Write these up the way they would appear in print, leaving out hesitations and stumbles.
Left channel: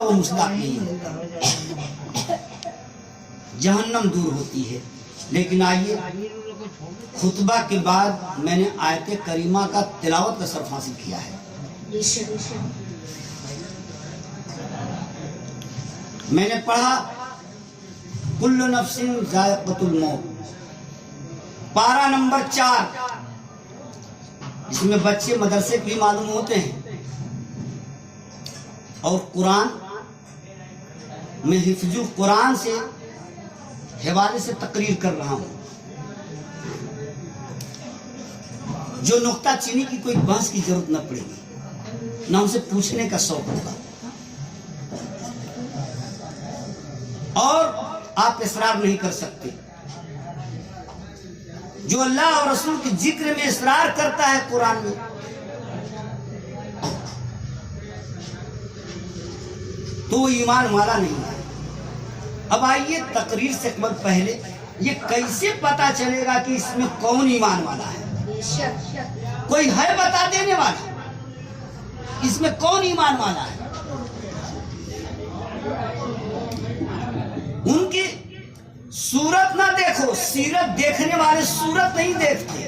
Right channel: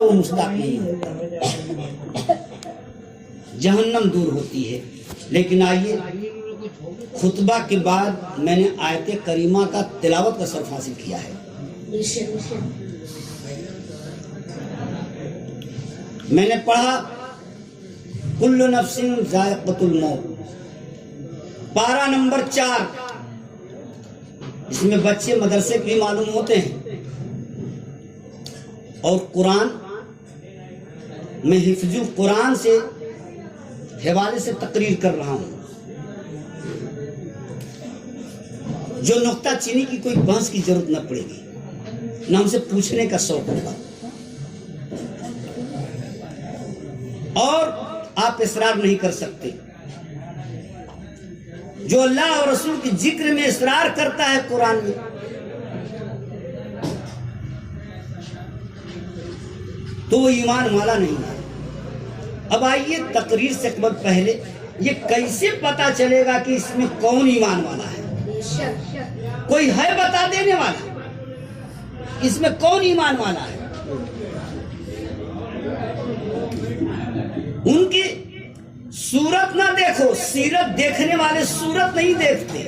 وہ مستحق نہیں ہے، جہنم دور ہوتی ہے۔ لیکن آئیے خطبہ کے بعد میں نے آیت کریمہ کا تلاوت کا شرف حاصل کیا ہے۔ میں نے پڑھا کل نفس ذائقۃ الموت، پارہ نمبر 4، اس میں بچے مدرسے کے لیے معلوم ہوتے ہیں، اور قرآن میں حفظ القرآن سے حوالے سے تقریر کر رہا ہوں۔ جو نقطہ چینی کی کوئی بحث کی ضرورت نہ پڑے گی، نہ ان سے پوچھنے کا شوق ہوگا، اور آپ اصرار نہیں کر سکتے۔ جو اللہ اور رسول کے ذکر میں اصرار کرتا ہے قرآن میں، تو وہ ایمان والا نہیں ہے۔ اب آئیے تقریر سے پہلے یہ کیسے پتا چلے گا کہ اس میں کون ایمان والا ہے؟ کوئی ہے بتا دینے والا اس میں کون ایمان والا ہے؟ ان کی صورت نہ دیکھو، سیرت دیکھنے والے صورت نہیں دیکھتے،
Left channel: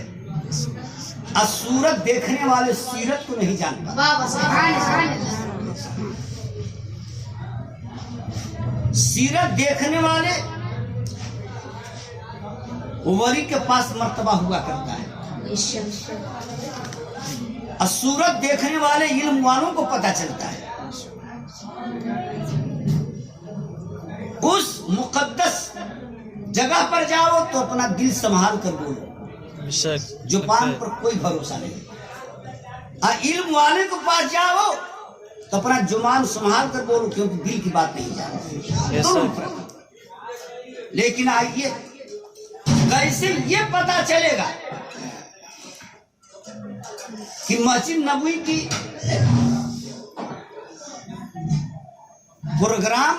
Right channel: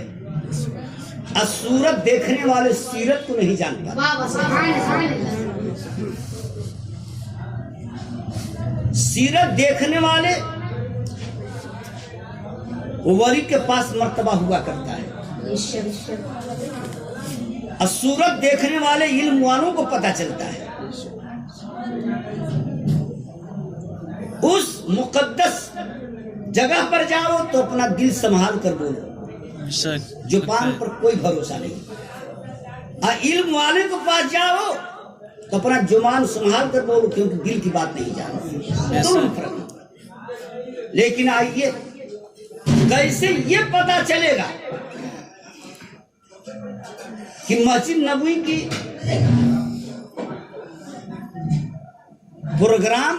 اور صورت دیکھنے والے سیرت کو نہیں جان پاتے۔ سیرت دیکھنے والے ولی کے پاس مرتبہ ہوا کرتا ہے، اور صورت دیکھنے والے علم والوں کو پتہ چلتا ہے۔ اس مقدس جگہ پر جاؤ تو اپنا دل سنبھال کر بولو، زبان پر کوئی بھروسہ نہیں، اور علم والے کے پاس جاؤ تو اپنا زبان سنبھال کر بولو، کیونکہ دل کی بات نہیں جانتے۔ لیکن آئیے کیسے یہ پتا چلے گا کہ مسجد نبوی کی پروگرام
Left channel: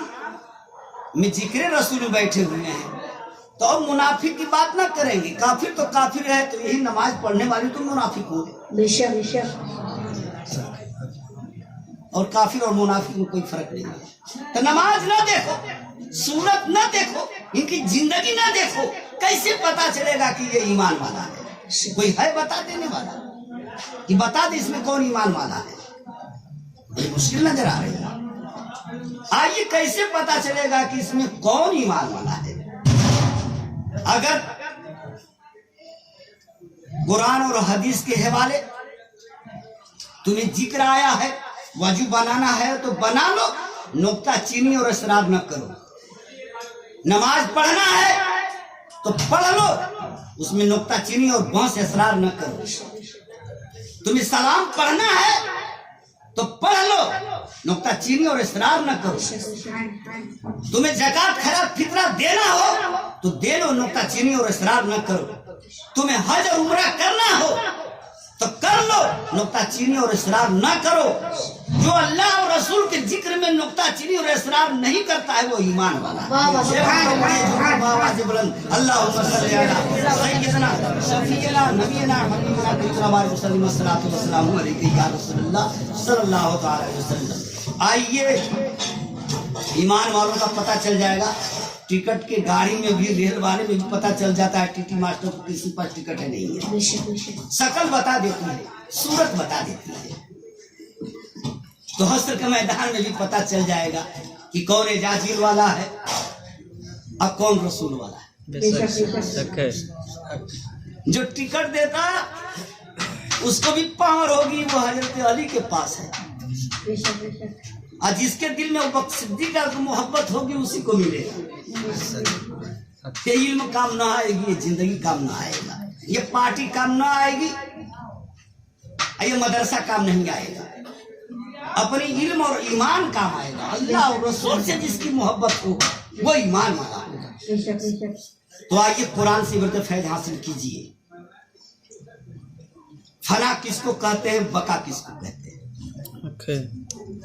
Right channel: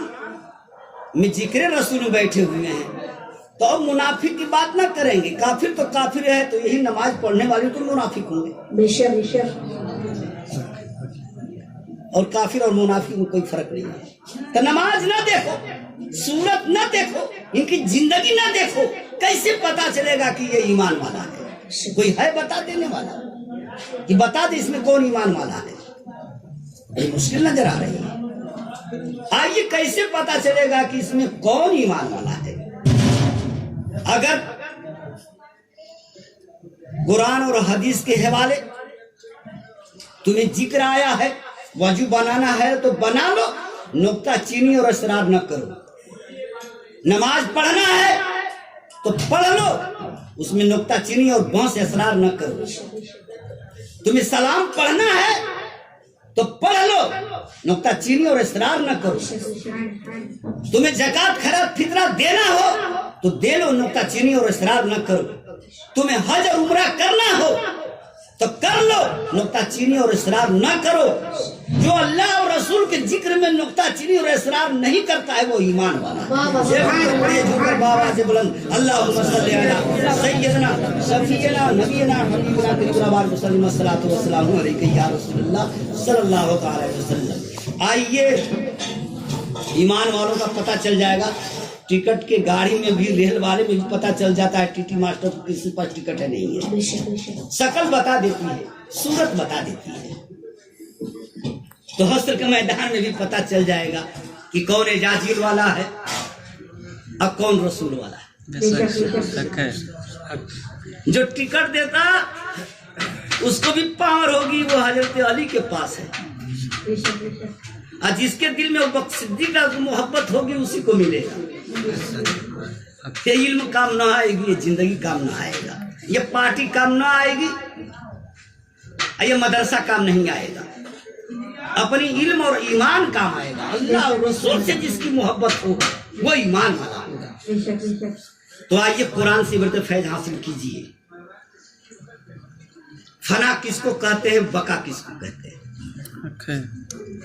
میں ذکر رسول بیٹھے ہوئے ہیں تو اب منافق کی بات نہ کریں گے؟ کافر تو کافر ہے، تو یہی نماز پڑھنے والے تو منافق ہوں گے، اور کافر اور منافق میں کوئی فرق نہیں ہے۔ تو نماز نہ دیکھو، صورت نہ دیکھو، ان کی زندگی نہ دیکھو، کیسے پتا چلے گا کہ یہ ایمان والا ہے؟ کوئی ہے بتا دینے والا کہ بتا دے اس میں کون ایمان والا ہے؟ یہ مشکل نظر آ رہی ہے۔ آئیے کیسے پتا چلے گا کہ اس میں کون ایمان والا ہے؟ اگر قرآن اور حدیث کے حوالے تمہیں ذکر آیا ہے، وضو بنانا ہے تو بنا لو، نقطہ چینی اور اصرار نہ کرو۔ نماز پڑھنا ہے تو پڑھ لو، اس میں نقطہ چینی اور بحث اصرار نہ کرو۔ تمہیں سلام پڑھنا ہے تو پڑھ لو، نقطہ چینی اور اصرار نہ کرو۔ تمہیں زکات خیرات فطرہ دینا ہو تو دے لو، نقطہ چینی اور اصرار نہ کرو۔ تمہیں حج اور عمرہ کرنا ہو تو کر لو، نقطہ چینی اور اصرار نہ کرو۔ جو اللہ اور رسول کے ذکر میں نقطہ چینی اور اصرار نہیں کرتا ہے وہ ایمان والا اللہم صلی علی سیدنا شفیعنا نبینا حبیبنا طیبنا وسلم الصلاۃ والسلام علیک یا رسول اللہ صلی اللہ تعالی وسلم۔ آئیے ایمان والوں کا پتہ چل جائے گا، ٹکٹ کے گاڑی میں بھی، ریل والے میں بھی پتہ چل جاتا ہے ٹی ٹی ماسٹر کو کسی پاس ٹکٹ ہے نہیں ہے، شکل بتا دیتی ہے، صورت بتا دیتی ہے۔ تو حشر کے میدان میں بھی پتہ چل جائے گا کہ کون اجازت والا ہے اور کون رسول والا ہے۔ جو ٹکٹ دیتا اس کو بھی پاور ہوگی، وہ حضرت علی کے پاس ہے، اور جس کے دل میں وہ صدیق کی محبت ہوگی اسی کو ملے گا۔ یہ علم کام نہ آئے گی، یہ زندگی کام نہ آئے گا، یہ پارٹی کام نہ آئے گی، یہ مدرسہ کام نہیں آئے گا، اپنی علم اور ایمان کام آئے گا۔ اللہ اور رسول سے جس کی محبت ہوگا وہ ایمان والا ہوگا۔ تو آئیے قرآن سے بڑھ فیض حاصل کیجیے۔ فنا کس کو کہتے ہیں، بقا کس کو کہتے ہیں؟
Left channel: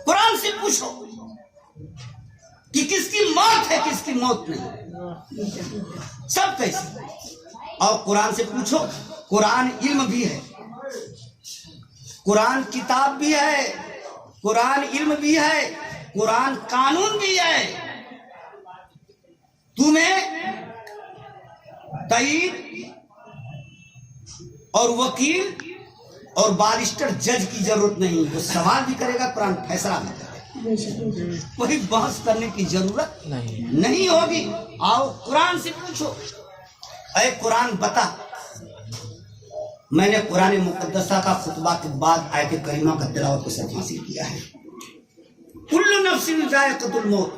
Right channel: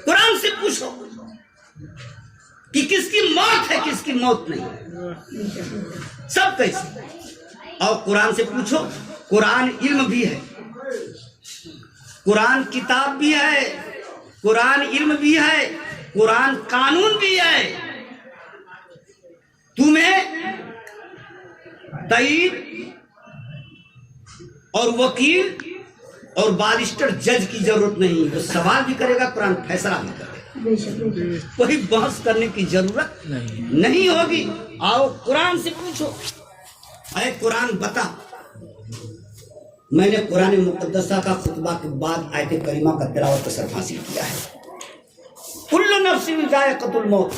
قرآن سے پوچھو کہ کس کی موت ہے، کس کی موت نہیں، سب کیسے۔ اور قرآن سے پوچھو، قرآن علم بھی ہے، قرآن کتاب بھی ہے، قرآن علم بھی ہے، قرآن قانون بھی ہے، تمہیں تائید اور وکیل اور بارسٹر جج کی ضرورت نہیں، وہ سوال بھی کرے گا، قرآن فیصلہ بھی کرے گا، کوئی بحث کرنے کی ضرورت نہیں ہوگی۔ آؤ قرآن سے پوچھو، اے قرآن بتا، میں نے قرآن مقدسہ کا خطبہ کے بعد آیت کریمہ کا تلاوت کا سرف حاصل کیا ہے، کل نفس ذائقۃ الموت۔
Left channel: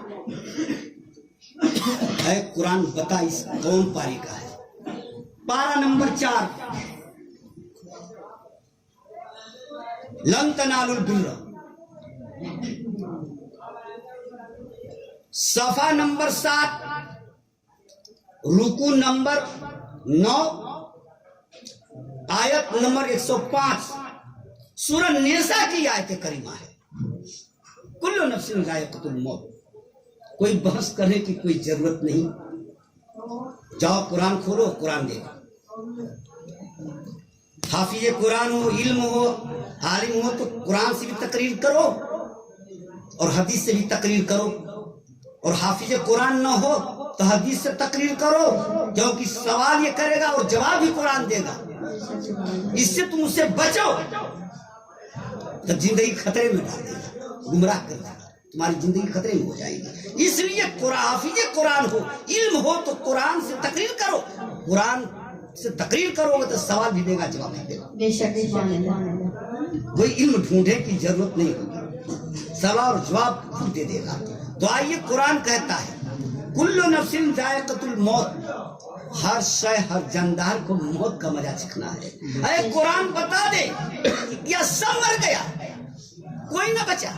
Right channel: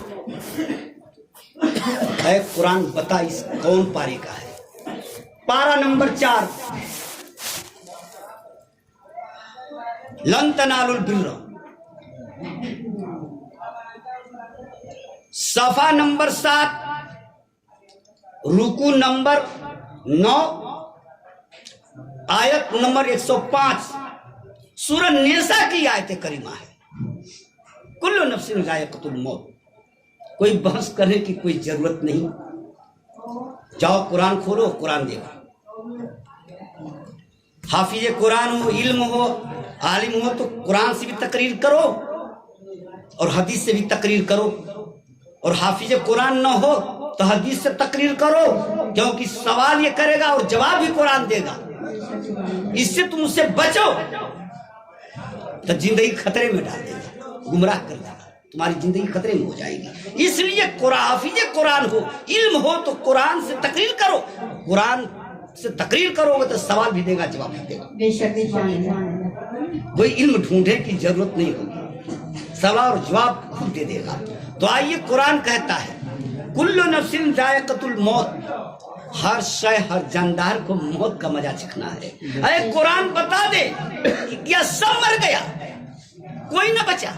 اے قرآن بتا اس کون پارے کا ہے؟ پارہ نمبر 4، لن تنالوا البر، صفحہ نمبر 7، رکوع نمبر 9، آیت نمبر 105، سورہ نساء کی آیت کریمہ ہے، کل نفس ذائقۃ الموت۔ کوئی بحث کرنے کی کوئی ضرورت نہیں، جاؤ قرآن کھولو، قرآن دیکھو۔ حافظ قرآن ہو، علم ہو، عالم ہو تو قرآن سے بھی تقریر کرو اور حدیث سے بھی تقریر کرو، اور حافظ قرآن نہ ہو تو حدیث سے تقریر کرو، کیونکہ سوال یہ کرے گا اور جواب بھی قرآن دے گا، اس سے تم اس سے بچو تو زندگی خطرے میں ڈال دے گا، گمراہ کر دے گا، تمہاری زندگی خطرے میں ہو جائے گی۔ اس لیے حافظ قرآن ہو، علم ہو تو قرآن سے تقریر کرو، قرآن سے تقریر کرو گے تو سوال بھی دے گا، جواب بھی دے گا، کوئی علم ڈھونڈنے کی ضرورت نہیں ہوگی، سوال اور جواب خود دے گا۔ تو آئیے قرآن کہتا ہے کل نفس ذائقۃ الموت، ہر شے ہر جاندار کو موت کا مزہ چکھنا ہے۔ اے قرآن بتا دے کہ کیا سب مر گیا، کوئی نہ بچا؟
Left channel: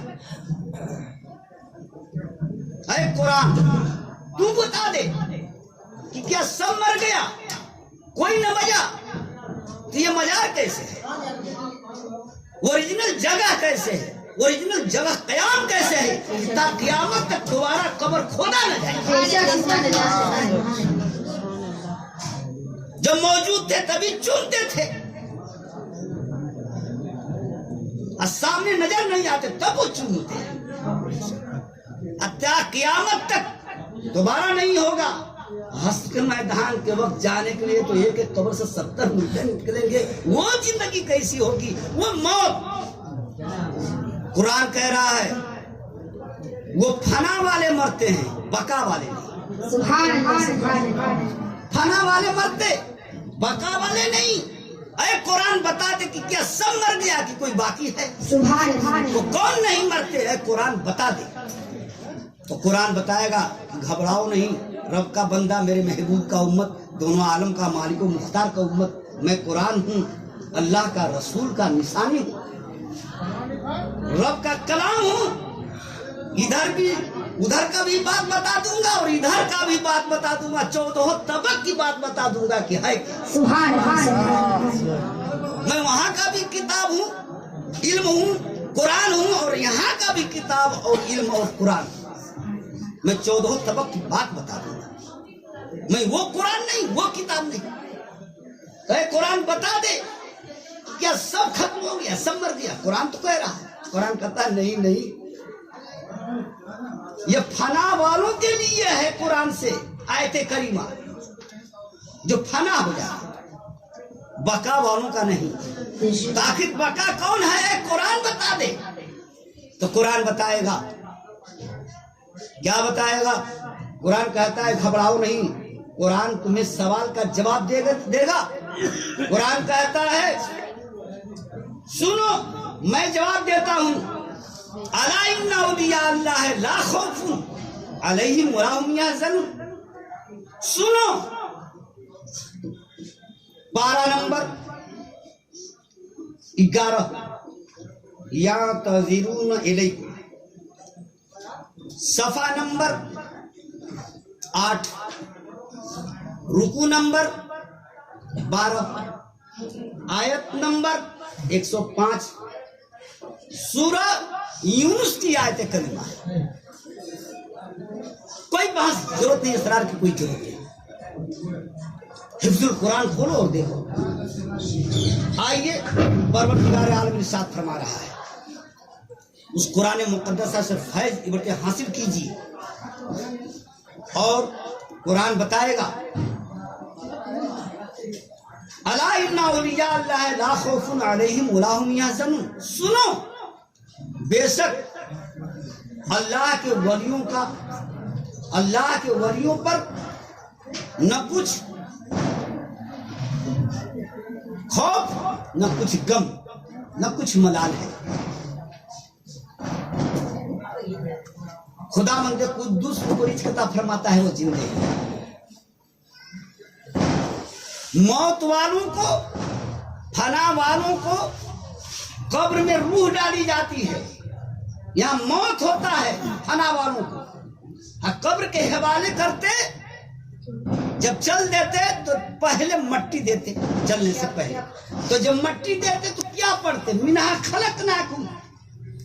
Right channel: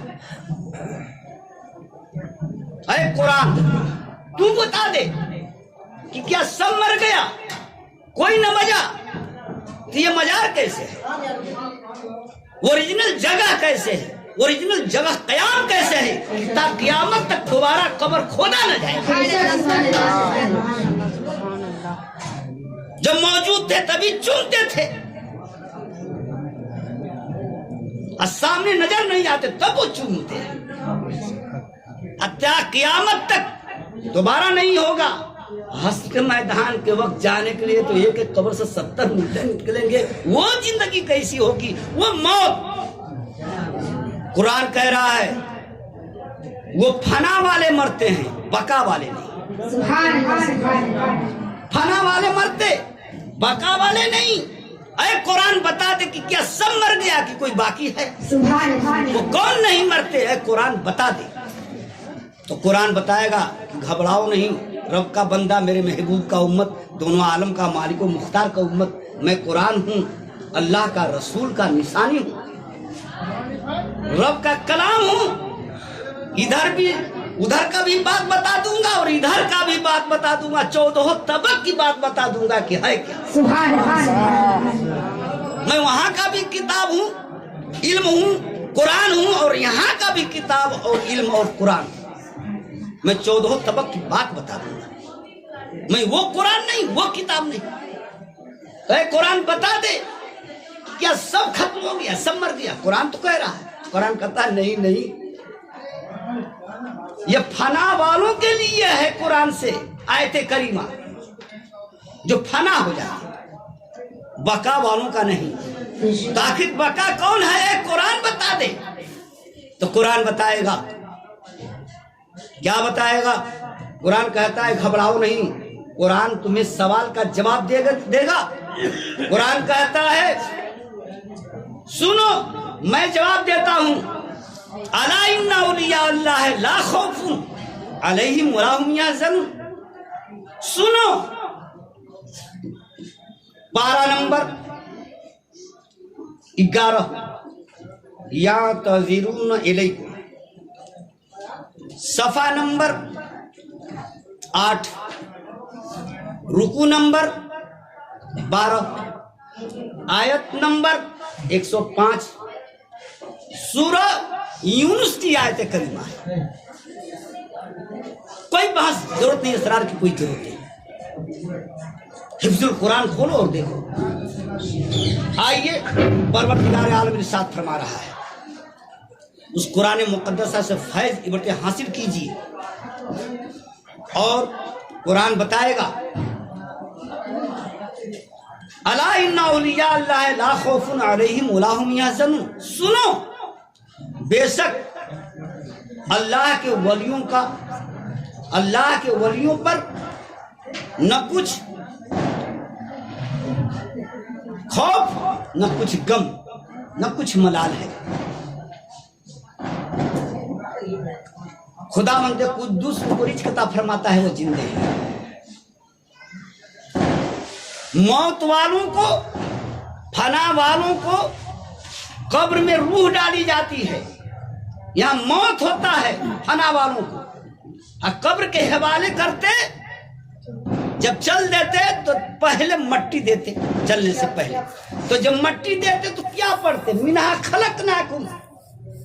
اے قرآن تو بتا دے کہ کیا سب مر گیا، کوئی نہ بچا؟ تو یہ مزار کیسے ہے؟ اوریجنل جگہ کیسے ہے؟ اوریجنل جگہ قیام کیسے ہے؟ تا قیامت تک دوبارہ قبر کھودا نہ جائے۔ جب موجود تھے تبھی چنتے تھے، اور سامنے نظر نہیں آتے تب وہ چومتے ہیں، قیامت تک دوبارہ نہیں ہوگا۔ حشر کے میدان کے وقت جانے کے لیے تو ایک ایک قبر سے 70 مردے نکلیں گے، وہ زندگی کیسی ہوگی، وہ موت۔ قرآن کہہ رہا ہے وہ فنا والے مرتے ہیں، بقا والے نہیں۔ فنا والے مرتے، بقا والے نہیں۔ اے قرآن بتا دے کہ کیا سب مر گیا کہ کوئی باقی ہے؟ وہ کون نہیں مرتے؟ اے قرآن بتا دے۔ تو قرآن بتائے گا کہ گھبراؤ نہیں، رب کا بندہ، میرے محبوب کا امت، دونوں عالم کا مالک و مختار کا امت، میں قرآن ہوں، اللہ کا رسول کا نشانی ہوں، رب کا کلام ہوں، ادھر کا بھی بات بتا دوں گا اور ادھر کا بھی بات بتا دوں گا، 14 طبق کی بات بتا دوں گا کہ ہے کیا۔ میں وہاں کا بھی کتاب ہوں، علم ہوں، قرآن ہوں، اور یہاں کا بھی کتاب اور علم اور قرآن ہوں، میں 14 طبق کی بات بتا دوں گا، میں وہ قرآن نہیں، وہ کتاب نہیں۔ اے قرآن بتا دے کیا سب ختم ہو گیا، سب مر گیا؟ قرآن تو کہہ رہا ہے، قرآن کہتا ہے نہیں نہیں، یہ فنا والوں کے لیے ہے، قرآن سے آیت کریمہ جو فنا ہو جائے، بقا والوں کا نہیں۔ تو آخر بقا کون ہے؟ اے قرآن بتا دے۔ تو قرآن بتائے گا، کیا بتائے گا؟ قرآن کہتا ہے گھبراؤ نہیں، قرآن تمہیں سوال کا جواب دے گا۔ قرآن کہتا ہے سنو میں جواب دیتا ہوں، الا ان اولیاء اللہ لا خوف علیہم ولا هم یحزنون۔ سنو، پارہ نمبر 11، یعتذرون الیکم، صفحہ نمبر 8، رکوع نمبر 12، آیت نمبر 105، سورہ یونس کی آیت کریمہ ہے۔ کوئی بحث ضرورت نہیں، اسرار کی کوئی ضرورت نہیں، حفظ القرآن کھولو اور دیکھو۔ آئیے پروردگار عالم ارشاد فرما رہا ہے اس قرآن مقدسہ سے فیض عبرت حاصل کیجیے. اور قرآن بتائے گا الا ان اولیاء اللہ لا خوف علیہم ولا هم یحزنون. سنو، بے شک اللہ کے ولیوں پر نہ کچھ خوف، نہ کچھ غم، نہ کچھ ملال ہے. خدا مند قدوس کو رزق عطا فرماتا ہے، وہ زندے ہیں. موت والوں کو، فنا والوں کو قبر میں روح ڈالی جاتی ہے. یہاں موت ہوتا ہے فنا والوں کو، اور قبر کے حوالے کرتے، جب چل دیتے تو پہلے مٹی دیتے. چلنے سے پہلے تو جب مٹی دیتے تو کیا پڑھتے؟ منہا خلقناکم،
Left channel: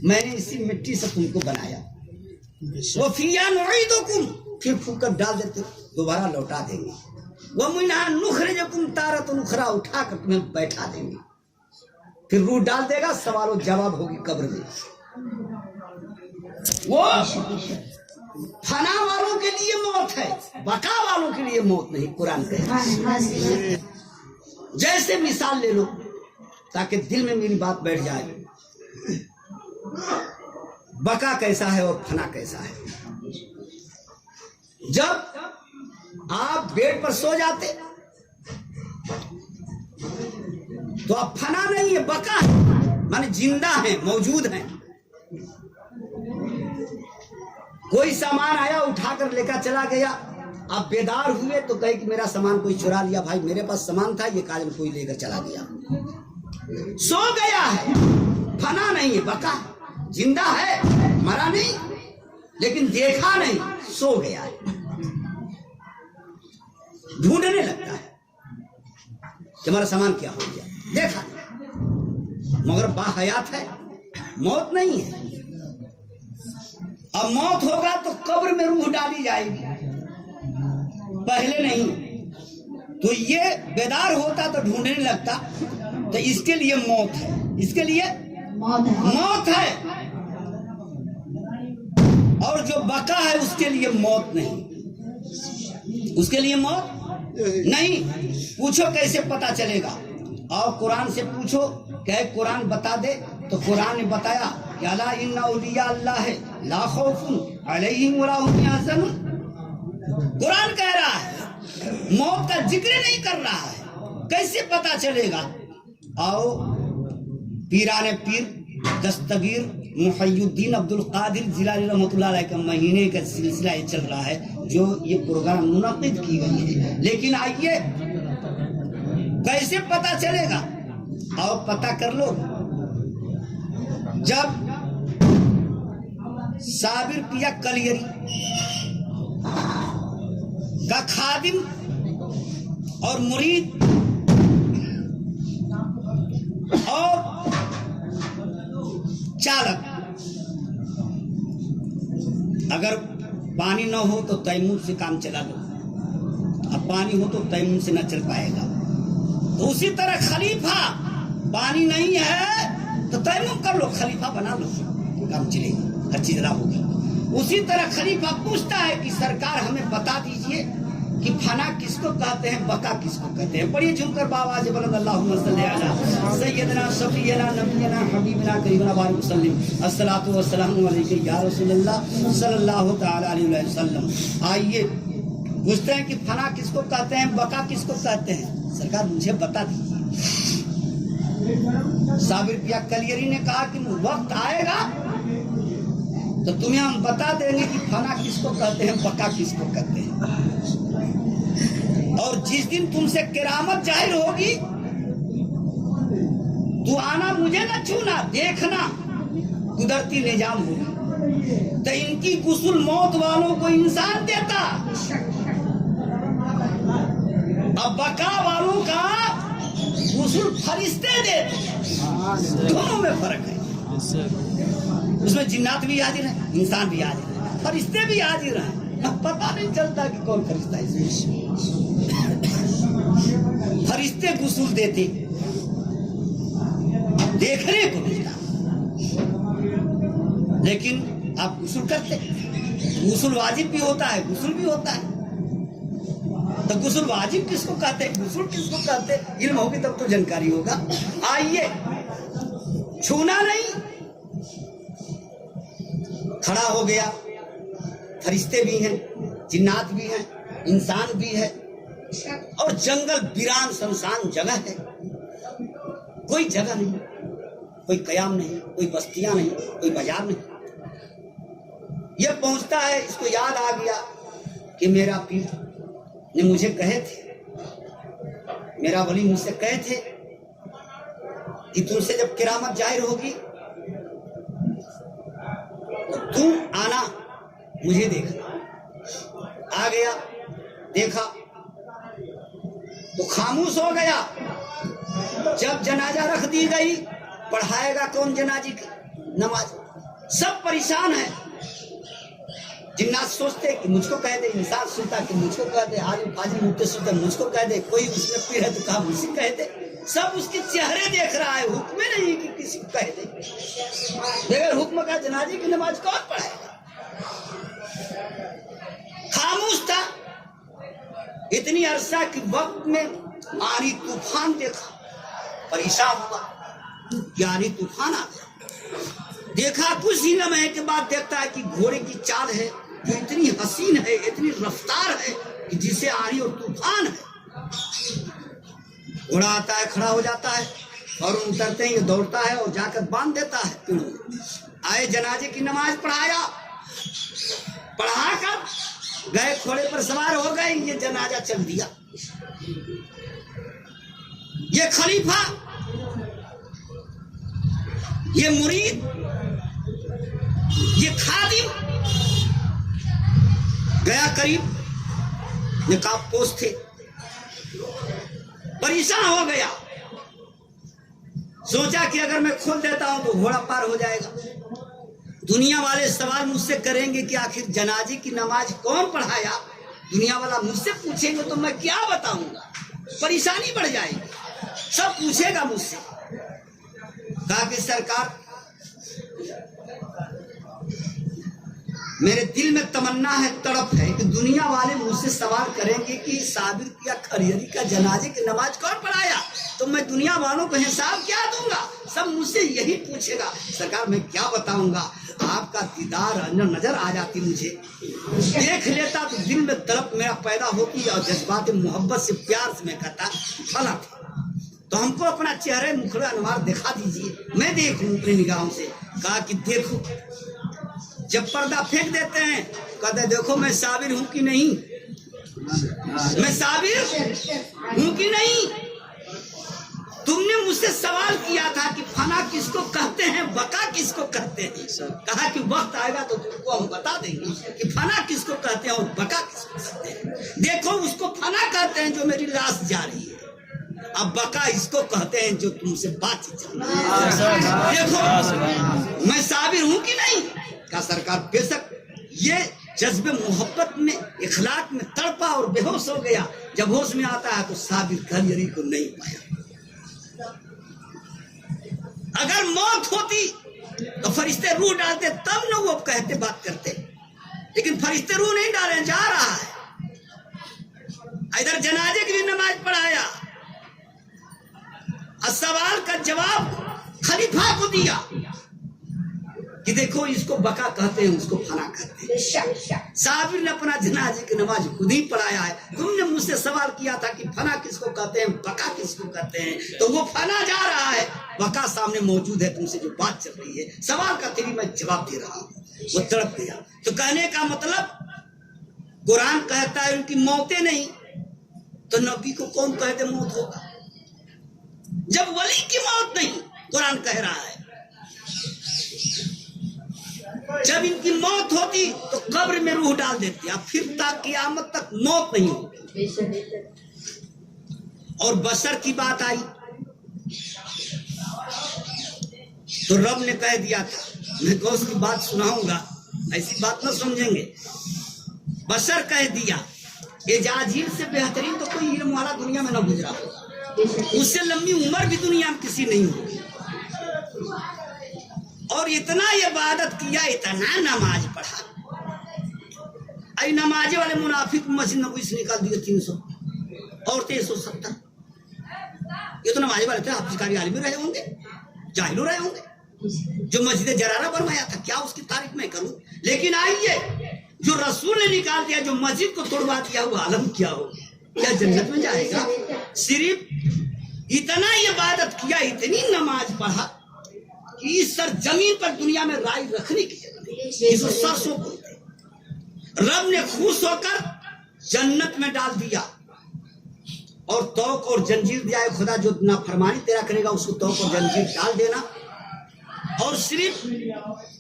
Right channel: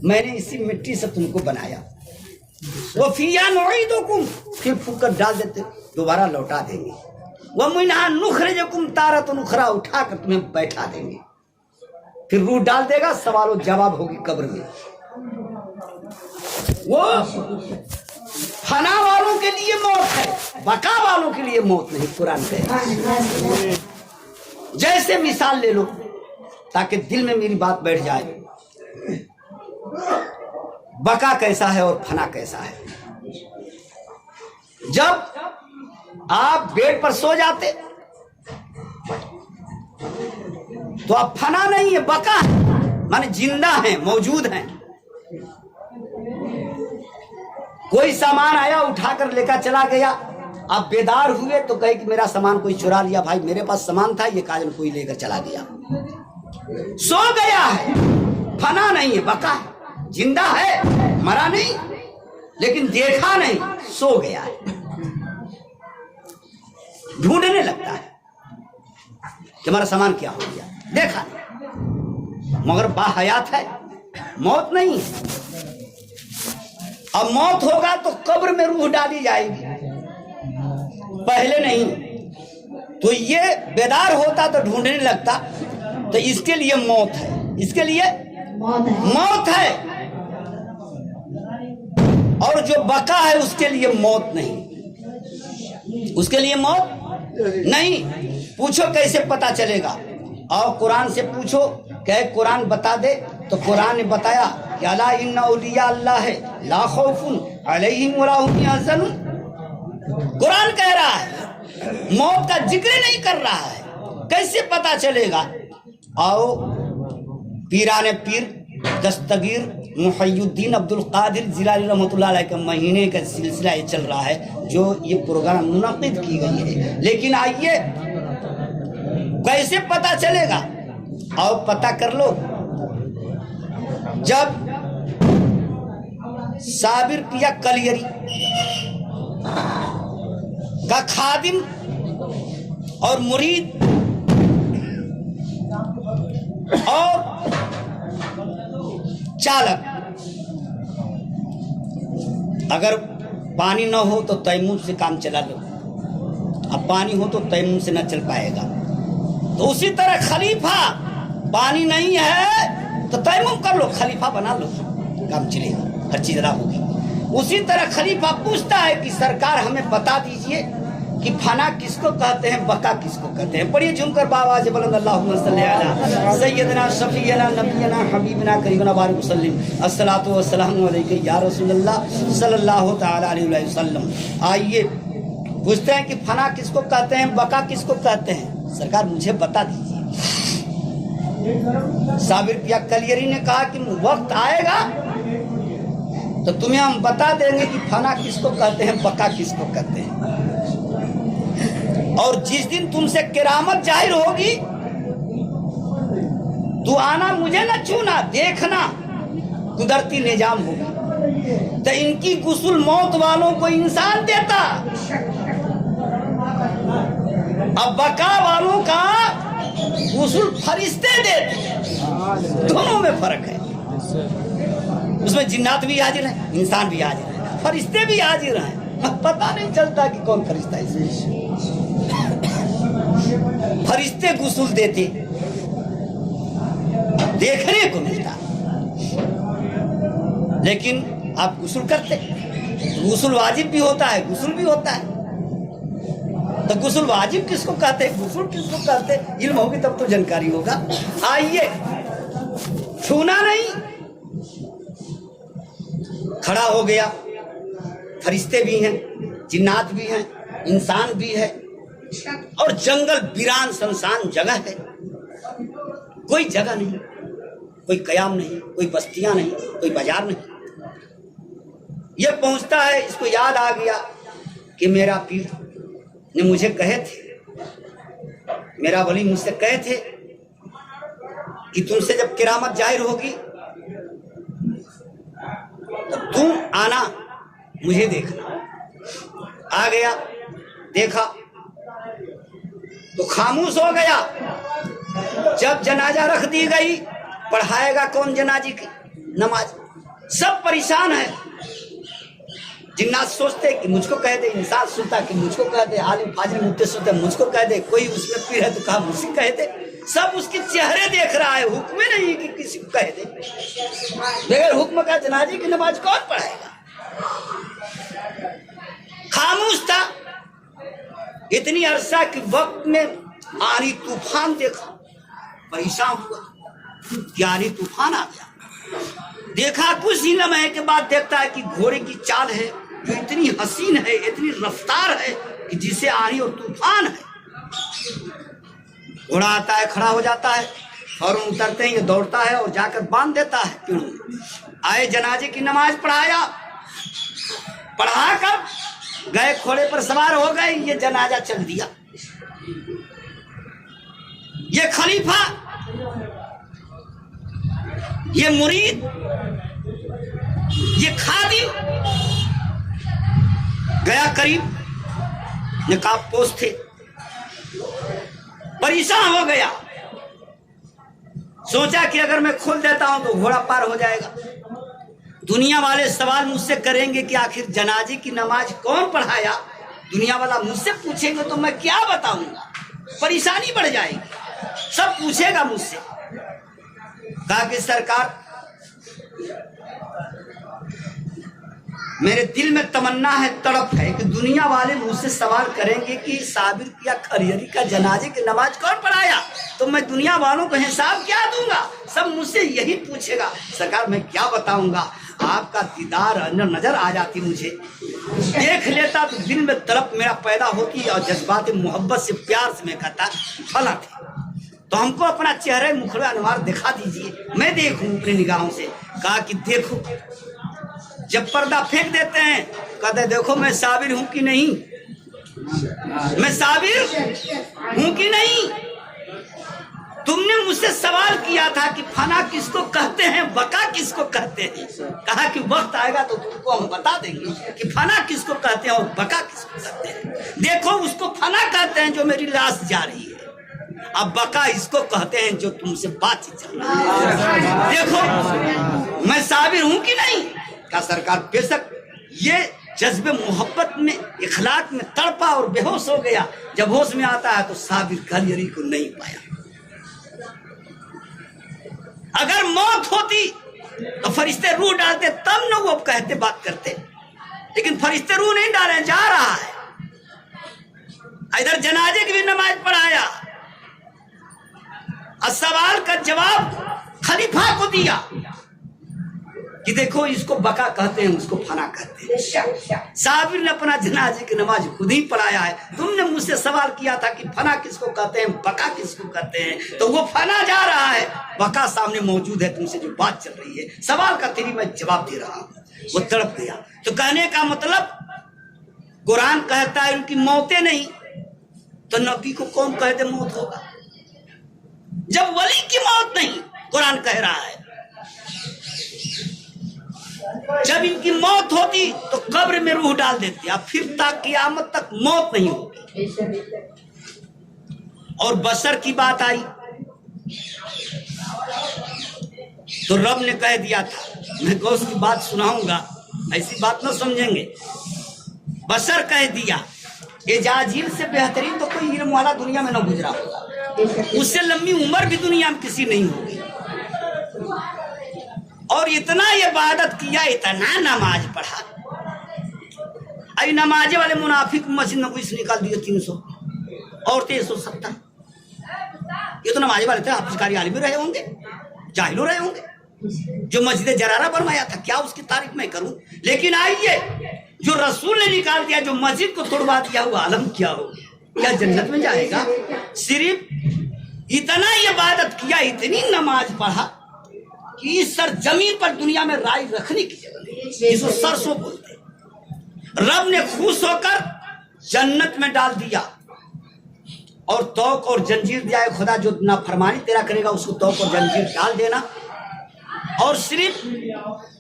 میں نے اسی مٹی سے تم کو بنایا. وفیہا نعیدکم، پھر پھونک کر ڈال دیتے، دوبارہ لوٹا دیں گے. ومنہا نخرجکم تارۃ اخری، اٹھا کر تمہیں بیٹھا دیں گے. پھر روح ڈال دے گا، سوال و جواب ہوگی قبر میں. وہ فنا والوں کے لیے موت ہے، بقا والوں کے لیے موت نہیں. قرآن کہتا ہے. جیسے مثال لے لو تاکہ دل میں میری بات بیٹھ جائے. بقا کیسا ہے اور فنا کیسا ہے؟ جب آپ بیڈ پر سو جاتے تو آپ فنا نہیں ہے، بقا ہے، مانے زندہ ہیں، موجود ہیں. کوئی سامان آیا اٹھا کر لے کر چلا گیا، آپ بیدار ہوئے تو کہے کہ میرا سامان کوئی چرا لیا. بھائی میرے پاس سامان تھا، یہ کاجل کوئی لے کر چلا گیا. سو گیا ہے، فنا نہیں ہے، بقا ہے. زندہ ہے، مرا نہیں، لیکن دیکھا نہیں، سو گیا ہے. ڈھونڈنے لگتا ہے کہ ہمارا سامان کیا ہو گیا، دیکھا نہیں، مگر باحیات ہے، موت نہیں ہے. اب موت ہوگا تو قبر میں روح ڈالی جائے گی، پہلے نہیں. تو یہ بیدار ہوتا تو ڈھونڈنے لگتا. تو اس کے لیے موت ہے، اس کے لیے موت ہے. اور جو بقا ہے اس کے لیے موت نہیں، اس کے لیے موت نہیں. پوچھو کیسے پتا چلے گا؟ اور قرآن سے پوچھو کہ قرآن بتا دے. تو قرآن نے بتایا کہ الا ان اولیاء اللہ لا خوف علیہم ولا هم یحزنون. قرآن کہہ رہا ہے، موت کا ذکر نہیں کر رہا ہے. کیسے پتا چلے گا؟ آؤ پیران پیر دستگیر محی الدین عبد القادر جیلانی رحمۃ اللہ علیہ کا مہینے کا سلسلہ یہ چل رہا ہے جو یہ پروگرام منعقد کی گئی ہے. لیکن آئیے کیسے پتا چلے گا؟ آؤ پتا کر لو. جب صابر پیا کلیری کا خادم اور مرید اور چالک اگر پانی نہ ہو تو تیمم سے کام چلا لو، اب پانی ہو تو تیمم سے نہ چل پائے گا. تو اسی طرح خلیفہ، پانی نہیں ہے تو تیمم کر لو، خلیفہ بنا لو، کام چلے گا، ہر چیز ادا ہوگی. اسی طرح خلیفہ پوچھتا ہے کہ سرکار ہمیں بتا دیجئے کہ فنا کس کو کہتے ہیں، بقا کس کو کہتے ہیں. پڑھیے جھوم کر باواز بلند اللہم صلی علی سیدنا شفیعنا نبینا حبیبنا قریبنا بارک وسلم الصلاۃ والسلام علیک یا رسول اللہ صلی اللہ تعالی علیہ وسلم. آئیے پوچھتے ہیں کہ فنا کس کو کہتے ہیں، بقا کس کو کہتے ہیں، سرکار مجھے بتا دیجیے. صابر پیا کلیری نے کہا کہ وقت آئے گا تو تمہیں ہم بتا دیں گے کہ فنا کس کو کہتے ہیں، بقا کس کو کہتے ہیں. اور جس دن تم سے کرامت ظاہر ہوگی تو آنا مجھے نہ چھونا، دیکھنا قدرتی نظام ہوگی. تو ان کی غسل موت والوں کو انسان دیتا، اب بقا والوں کا غسل فرشتے دیتے. دونوں میں فرق ہے. اس میں جنات بھی حاضر ہیں، انسان بھی حاضر ہیں، فرشتے بھی حاضر ہیں. پتہ نہیں چلتا کہ کون فرشتہ ہے. فرشتے غسل دیتے، دیکھنے کو ملتا. لیکن آپ غسل کرتے، غسل واجب بھی ہوتا ہے، غسل بھی ہوتا ہے، تو غسل واجب کس کو کہتے ہیں، غسل کس کو کہتے ہیں، علم ہوگی تب تو جانکاری ہوگا۔ آئیے، چھونا نہیں، کھڑا ہو گیا، فرشتے بھی ہیں، جنات بھی ہیں، انسان بھی ہے، اور جنگل ویران سنسان جگہ ہے، کوئی جگہ نہیں، کوئی قیام نہیں، کوئی بستیاں نہیں، کوئی بازار نہیں۔ یہ پہنچتا ہے، اس کو یاد آ گیا کہ میرا پیر نے مجھے کہے تھے، میرا ولی مجھ سے کہے تھے کہ تم سے جب کرامت ظاہر ہوگی تو تم آنا، مجھے دیکھنا۔ آ گیا، دیکھا تو خاموش ہو گیا۔ جب جنازہ رکھ دی گئی، پڑھائے گا کون جنازے کی نماز؟ سب پریشان ہے۔ جنات سوچتے کہ مجھ کو کہہ دے، انسان سنتا کہ مجھ کو کہہ دے، عالم فاضل مفتی سنتے مجھ کو کہہ دے، کوئی اس میں پیر ہے تو کہا مجھ سے کہہ دے۔ سب اس کے چہرے دیکھ رہا ہے، حکم نہیں کہ کسی کو کہہ دے۔ بغیر حکم کا جنازے کی نماز کون پڑھائے گا؟ خاموش تھا۔ اتنی عرصہ کے وقت میں آندھی طوفان دیکھا، پریشان ہوا، آندھی طوفان آ گیا۔ دیکھا کچھ ہی لمحے کے بعد دیکھتا ہے کہ گھوڑے کی چال ہے جو اتنی حسین ہے، اتنی رفتار ہے کہ جسے آندھی اور طوفان ہے۔ گھوڑا آتا ہے، کھڑا ہو جاتا ہے، فوراً اترتے ہیں، یہ دوڑتا ہے اور جا کر باندھ دیتا ہے پیڑوں میں۔ آئے جنازے کی نماز پڑھایا، پڑھا کر گئے، گھوڑے پر سوار ہو گئے، یہ جنازہ چل دیا۔ یہ خلیفہ، یہ مرید، یہ خادم گیا قریب، نقاب پوش تھے، پریشان ہو گیا، سوچا کہ اگر میں کھول دیتا ہوں تو گھوڑا پار ہو جائے گا، دنیا والے سوال مجھ سے کریں گے کہ آخر جنازے کی نماز کون پڑھایا، دنیا والا مجھ سے پوچھیں گے تو میں کیا بتاؤں گا، پریشانی بڑھ جائے گی، سب پوچھے گا مجھ سے۔ کہا کہ سرکار، میرے دل میں تمنا ہے، تڑپ ہے کہ دنیا والے مجھ سے سوال کریں گے کہ صابر یا خریری کا جنازے کی نماز کون پڑھایا، تو میں دنیا والوں کو حساب کیا دوں گا، سب مجھ سے یہی پوچھے گا۔ سرکار میں کیا بتاؤں گا، آپ کا دیدار نظر آ جاتی، مجھے دیکھ لیتا تو دل میں تڑپ میرا پیدا ہوتی اور جذبات محبت سے، پیار سے میں کہتا فلاں تھا، تو ہم کو اپنا چہرے مخڑے انوار دکھا دیجئے، میں دیکھوں اپنی نگاہوں سے۔ کہا کہ دیکھو، جب پردہ پھینک دیتے ہیں کہتے دیکھو میں صابر ہوں کہ نہیں، میں صابر ہوں کہ نہیں، تم نے مجھ سے سوال کیا تھا کہ فنا کس کو کہتے ہیں، بقا کس کو کہتے ہیں، کہا کہ وقت آئے گا تو تم کو ہم بتا دیں گے کہ فنا کس کو کہتے ہیں اور بقا کس کو کہتے ہیں۔ دیکھو اس کو فنا کہتے ہیں جو میری لاش جا رہی ہے، اب بقا اس کو کہتے ہیں جو تم سے بات چل رہی ہے۔ دیکھو میں صابر ہوں کہ نہیں؟ کہا سرکار بے شک۔ یہ جذب محبت میں، اخلاق میں تڑپا اور بے ہوش ہو گیا۔ جب ہوش میں آتا ہے تو صابر خلیری کو نہیں پایا۔ اگر موت ہوتی تو فرشتے روح ڈالتے تب نہ وہ کہتے بات کرتے، لیکن فرشتے روح نہیں ڈالے، جا رہا ہے۔ ادھر جنازے کی بھی نماز پڑھایا، سوال کا جواب خلیفہ کو دیا کہ دیکھو اس کو بقا کہتے ہیں، اس کو فنا کہتے ہیں۔ صابر نے اپنا جنازے کی نماز خود ہی پڑھایا ہے۔ تم نے مجھ سے سوال کیا تھا کہ فنا کس کو کہتے ہیں، بقا کس کو کہتے ہیں، تو وہ فنا جا رہا ہے، بقا سامنے موجود ہے، تم سے جو بات چل رہی ہے، سوال کا تیری میں جواب دے رہا ہوں۔ وہ تڑپ گیا۔ تو کہنے کا مطلب قرآن کہتا ہے ان کی موتیں نہیں، تو نبی کو کون کہہ دے موت ہوگا؟ جب ولی کی موت نہیں، قرآن کہہ رہا ہے جب ان کی موت ہوتی تو قبر میں روح ڈال دیتے، اب پھر تا قیامت تک موت نہیں ہوتی۔ اور بشر کی بات آئی تو رب نے کہہ دیا تھا، میں غوث کی بات سناؤں گا، ایسی بات نہ سمجھیں گے۔ بشر کہہ دیا، اجازیل سے بہترین تو کوئی علم والا دنیا میں نہ گزرا ہوگا، اس سے لمبی عمر بھی دنیا میں کسی نہیں ہوگی۔ اور اتنا عبادت کیا, اتنا نماز پڑھا. ای نمازے والے منافق مسجد میں کوئی نکال دیے 300 عورتیں 170. یہ تو نمازے والے تھے, حافظ قاری عالم بھی رہے ہوں گے, جاہل رہے ہوں گے. جو مسجد جرارہ فرمایا تھا, کیا اس کی تعریف میں کروں. لیکن آئیے جو رسول نے نکال دیا, جو مسجد کو توڑوا دیا, وہ عالم کیا ہو, کیا جنت میں جائے گا؟ صرف اتنا عبادت کیا, اتنی نماز پڑھا کہ اس سر زمین پر دنیا میں رائے رکھنے کی جگہ نہیں, اس کو سرسوں بولتے. رب نے خوش ہو کر جنت میں ڈال دیا, اور توق اور جنجیر دیا ہے. خدا جو نافرمانی تیرا کرے گا اس کو توق اور جنجیر ڈال دینا. اور صرف